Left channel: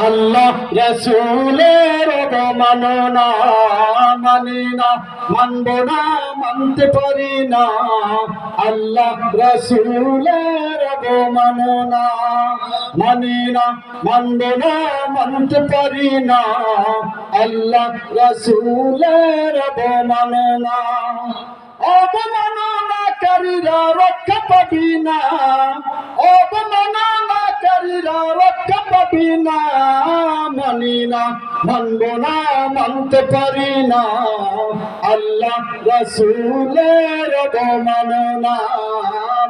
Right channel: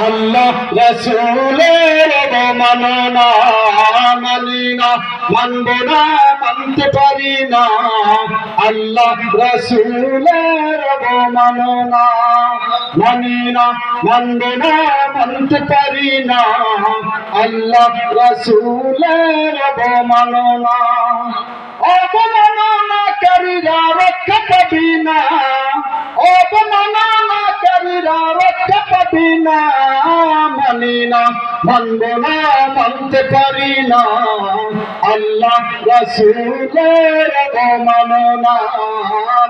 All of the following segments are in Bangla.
আল্লাহ রাসূলের অবমাননা মানি না, মানব না, মানতে পারি না। আল্লাহ রাসূলের অবমাননা মানি না, মানব না, মানতে পারি না। আল্লাহ রাসূলের অবমাননা, অবমাননাকারীরা রক্ষা পাবি না, অবমাননাকারীরা রক্ষা পাবি না। মানি না, মানব না, মানতে পারি না। আল্লাহ রাসূলের অবমাননা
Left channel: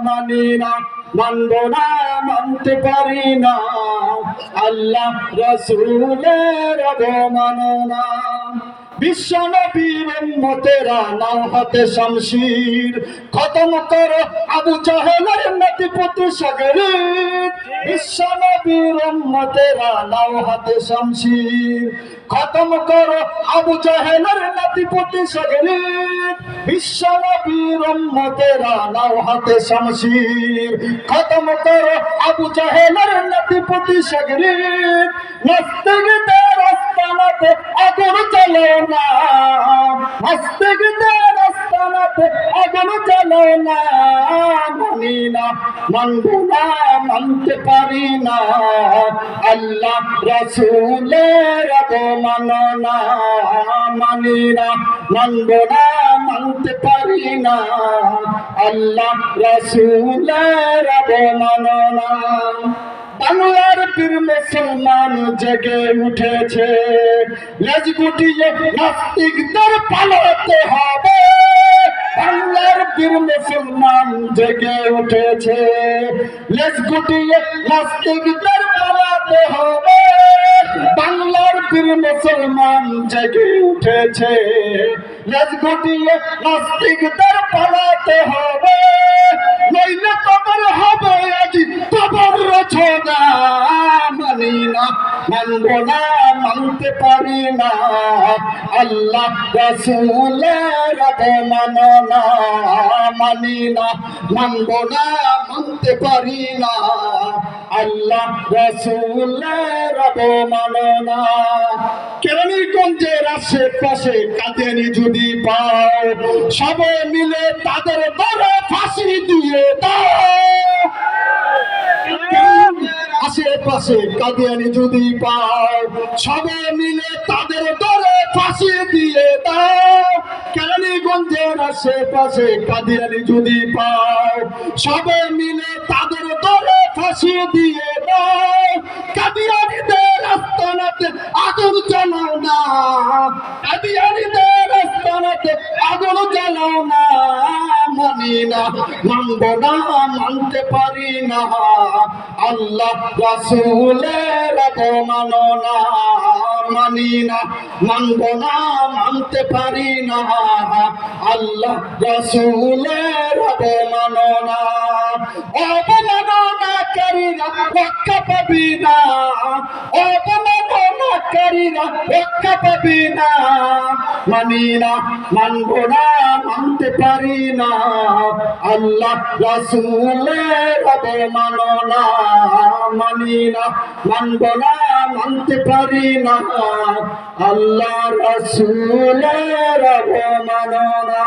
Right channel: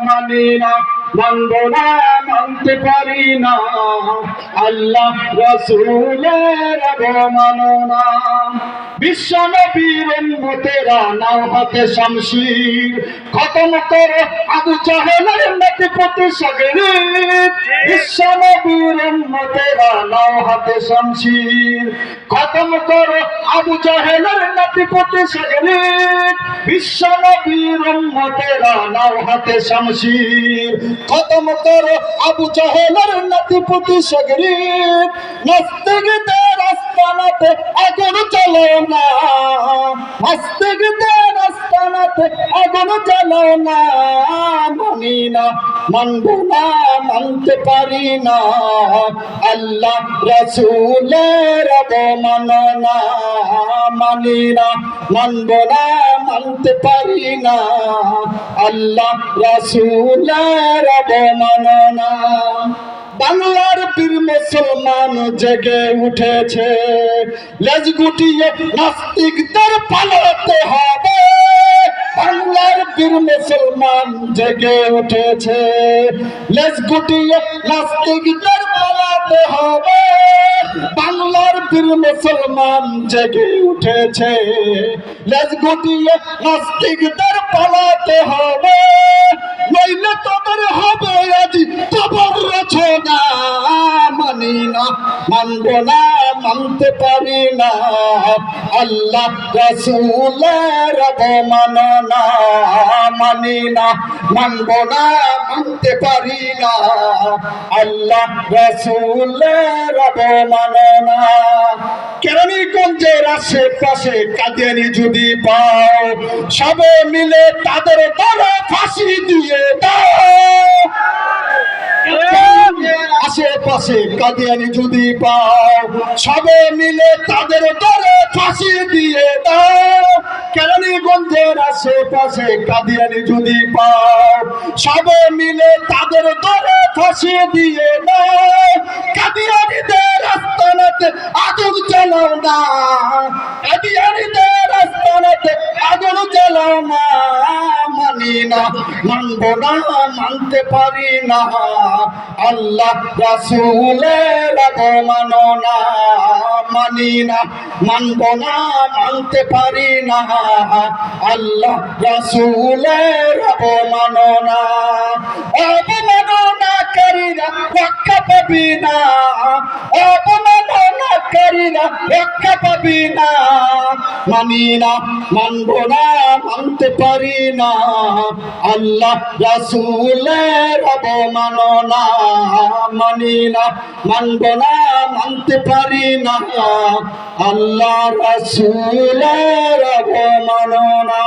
মানি না, মানব না, মানতে পারি না। আল্লাহ রাসূলের অবমাননা, বিশ্ব নবীর উম্মতেরা নাও হাতে শামশির, খতম করো আবু জাহেলের নাতিপুতি সাগরিদ। বিশ্ব নবীর উম্মতেরা নাও হাতে শামশির, খতম করো আবু জাহেলের নাতিপুতি সাগরিদ। বিশ্ব নবীর উম্মতেরা নাও হাতে শামশির, খতম করো আবু জাহেলের নাতিপুতি সাগরিদ। নাস্তিকদের আস্তানাতে আগুন জ্বালো না, নাস্তিকদের আস্তানাতে আগুন জ্বালো না। মানি না, মানব না, মানতে পারি না। আল্লাহ রাসূলের অবমাননা মানি না, মানব না, মানতে পারি না। আল্লাহ রাসূলের অবমাননা, বাংলার বীর মুসলমান জেগে উঠেছে, লেজ গুটিয়ে নাস্তিকদের পালাতে হবে। বাংলার বীর মুসলমান জেগে উঠেছে, লেজ গুটিয়ে নাস্তিকদের পালাতে হবে। বাংলার বীর মুসলমান জেগে উঠেছে, লেজ গুটিয়ে নাস্তিকদের পালাতে হবে। নইলে তোদের হবে আজ কবর রচনা। মানি না, মানব না, মানতে পারি না। আল্লাহ রাসূলের অবমাননা মানি না, মানব না, মানতে পারি না। আল্লাহ রাসূলের অবমাননা, কেরানীগঞ্জের আশেপাশে কাদিয়ানী যদি পাও, সবে মিলে তাদের দলে ফাঁসি দিয়ে দাও। আশেপাশে কাদিয়ানী যদি পাও, সবে মিলে তাদের দলে ফাঁসি দিয়ে দাও। কেরানীগঞ্জের আশেপাশে কাদিয়ানী যদি পাও, সবে মিলে তাদের দলে ফাঁসি দিয়ে দাও। কাদিয়ানীদের আস্তানাতে আগুন জ্বালাও না, কাদিয়ানীদের আস্তানাতে আগুন জ্বালাও না। মানি না, মানব না, মানতে পারি না। আল্লাহ রাসূলের অবমাননা মানি না, মানব না, মানতে পারি না। আল্লাহ রাসূলের অবমাননা, অবমাননাকারীরা রক্ষা পাবি না, অবমাননাকারীরা রক্ষা পাবি না। মানি না, মানব না, মানতে পারি না। আল্লাহ রাসূলের অবমাননা মানি না, মানব না, মানতে পারি না। আল্লাহ রাসূলের অবমাননা।